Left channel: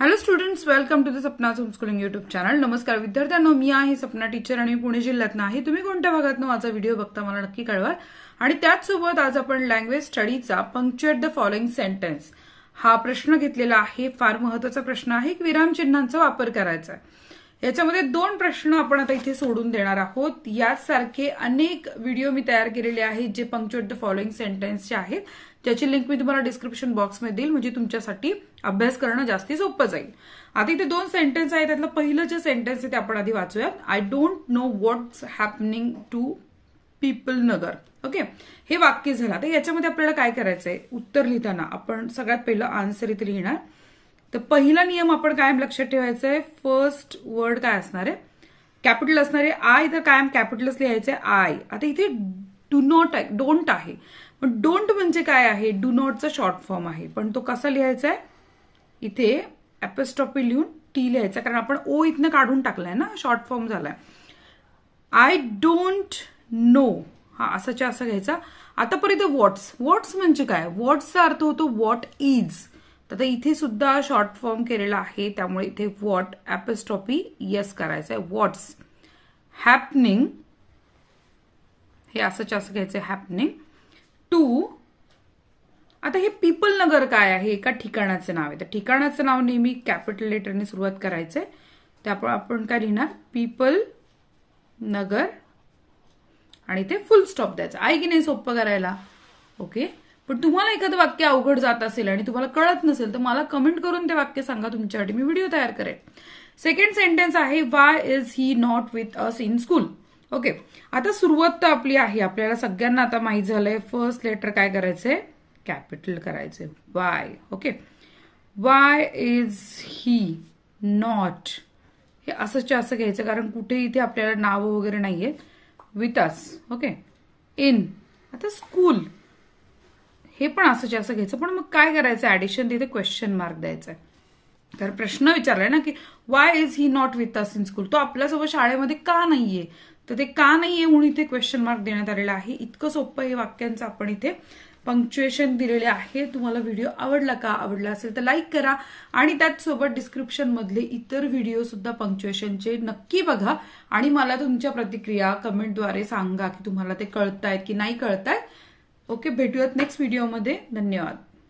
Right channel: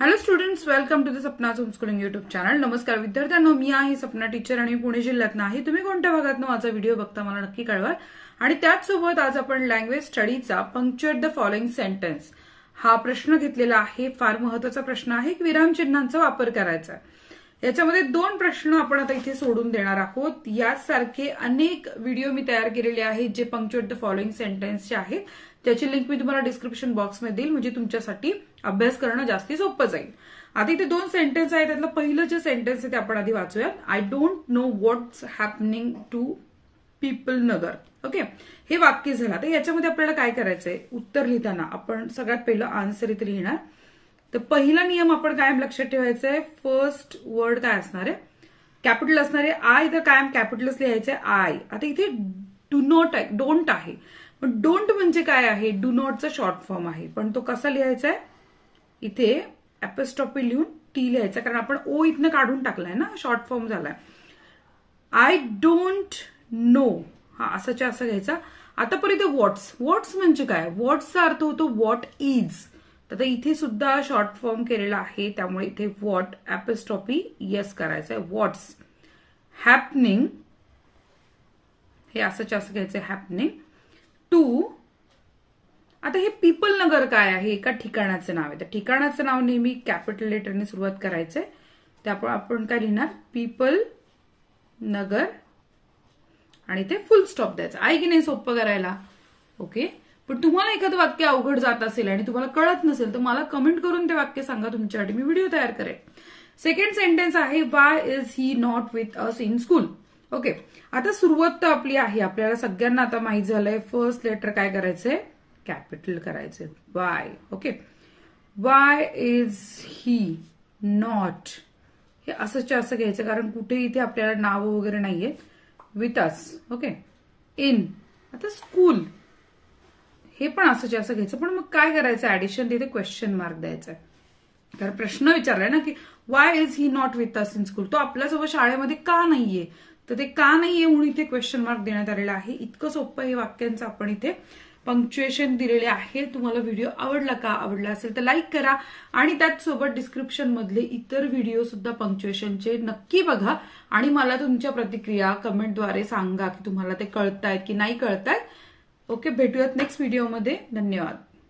Hello students, welcome to the Sapna homeschooling YouTube channel. नमस्कार विद्यार्थ्यांनो, मी आहे सपना टीचर आणि पुणे जिल्ह्यातनं आहे. तुम्ही कोणत्या भागातनं माझा व्हिडिओ बघता मला नक्की कळवा. आणि त्याचसोबत आज आपण लँग्वेज स्टडीचा पंक्च्युएट द फॉलोइंग सेंटेन्स हा प्रश्न घेतलेला आहे. फार महत्वाचा प्रश्न आहे. विरामचिन्हांचा वापर करायचा आहे. याच्यामध्ये दोन प्रश्न आपण आता इथे सोडून देणार आहोत. यासारखे अनेक व्हिडिओ मी तयार केलेले आहेत जे पंक्च्युएट द फॉलोइंग सेंटेन्सचे आहेत. त्याची लिंक मी तुम्हाला डिस्क्रिप्शन बॉक्समध्ये देईल, म्हणजे तुमच्यासाठी अभ्यास करणं जास्ती सोपं जाईल. आता इथे दोन सेंटेन्स आहेत. त्यातलं पहिलं जे सेंटेन्स आहे ते आपण आधी वाचूयात. I don't know what's happening to people नगर. ओके, हे वाक्य झालं. आता याच्यामध्ये आपल्याला काय करायचंय, उत्तर लिहिताना आपण सगळ्यात पहिलं आन्सर इथे लिहिणार. तर पहिला नियम आपण कायम लक्षात ठेवायचा आहे. फर्स्ट वर्ड काय असणार आहे, कॅपिटल असणार आहे. आय तर कायम कॅपिटलच लिहायचंय, आय. आता इथे डू नॉट आहे, डोंट आहे. पण डोंट म्हणजे काय आहे, डू नॉटचा शॉर्ट फॉर्म आहे. पण तो कसा लिहायचा आहे, इथे एपिस्ट्रॉफी लिहून टी लिहायचा, कारण आपण ओ इथनं काढून टाकलाय ना, शॉर्ट फॉर्म झालाय. आय डोंट नो, हा असंच्या असं घ्यायचा. आता परत व्हॉट्स. व्हॉट्स म्हणजे काय, व्हॉट्सचा अर्थ होतो व्हॉट इज. तर इथे सुद्धा शॉर्ट फॉर्म केलेला आहे, त्यामुळे इथे व्हॉट एपिस्ट्रॉफी यस करायचं आहे. व्हॉट्स हॅपनिंग, हे असंच्या असं घ्यायचं, हॅपनिंग टू. आता हे पीपल नगर काय आहे, एका ठिकाणाचं नाव आहे. तर ठिकाणाचं नाव नेहमी कॅपिटल लेटरने सुरुवात करायचंय. त्यामुळे आपण काय लिहिणार, पीपल नगर, आणि ते फुल स्टॉप द्यायचा. आहे की नाही सोपं करायला. ओके, पण तुम्हाला एखादं वाक्य अवघड जात असेल आणि तुम्हाला कळत नसेल तर मला कमेंट करून ते वाक्य सांगा, तुमच्यासाठी मी व्हिडिओ तयार करेन. सेकंड सेंटेन्स आहे, Y is he not with us in school. Okay, आता सुरुवात तर आपली आहे, आपल्याला सगळ्यांना आता माहित झालंय. फर्स्ट लेटर काय करायचंय, कॅपिटल करायचंय, Y. Okay, Y is he not, हे असंच्या असं घ्यायचं, कारण कुठे इथे आपल्याला नावं वगैरे नाहीयेत. With us. Okay, in. आता स्कूल, हे पण असंच्या असं घ्यायचं. पण मग काय करायचं, ऍडिशन तिथे क्वेश्चन मार्क द्यायचा. तर प्रश्न विचारलाय ना की Y is he not with us in school, तो आपल्यासोबत शाळेमध्ये का नाहीये, तर ते का नाहीये म्हणून इथे क्वेश्चन मार्क देण्यात आलेला आहे. इतकं सोपं हे वाक्यांचं आपण इथे पंक्च्युएशन दिलेले आहे. तुम्हाला व्हिडिओ आवडला का, आवडला असेल तर लाईक करा, आणि त्याचसोबत डिस्क्रिप्शन मधले इतर व्हिडिओ सुद्धा पंक्च्युएशनचे नक्की बघा, आणि मला तुमच्या प्रतिक्रिया कमेंटद्वारे सांगा की तुम्हाला ते कळतायत की नाही कळतायत. ओके, भेटूयात नेक्स्ट व्हिडिओमध्ये. धन्यवाद.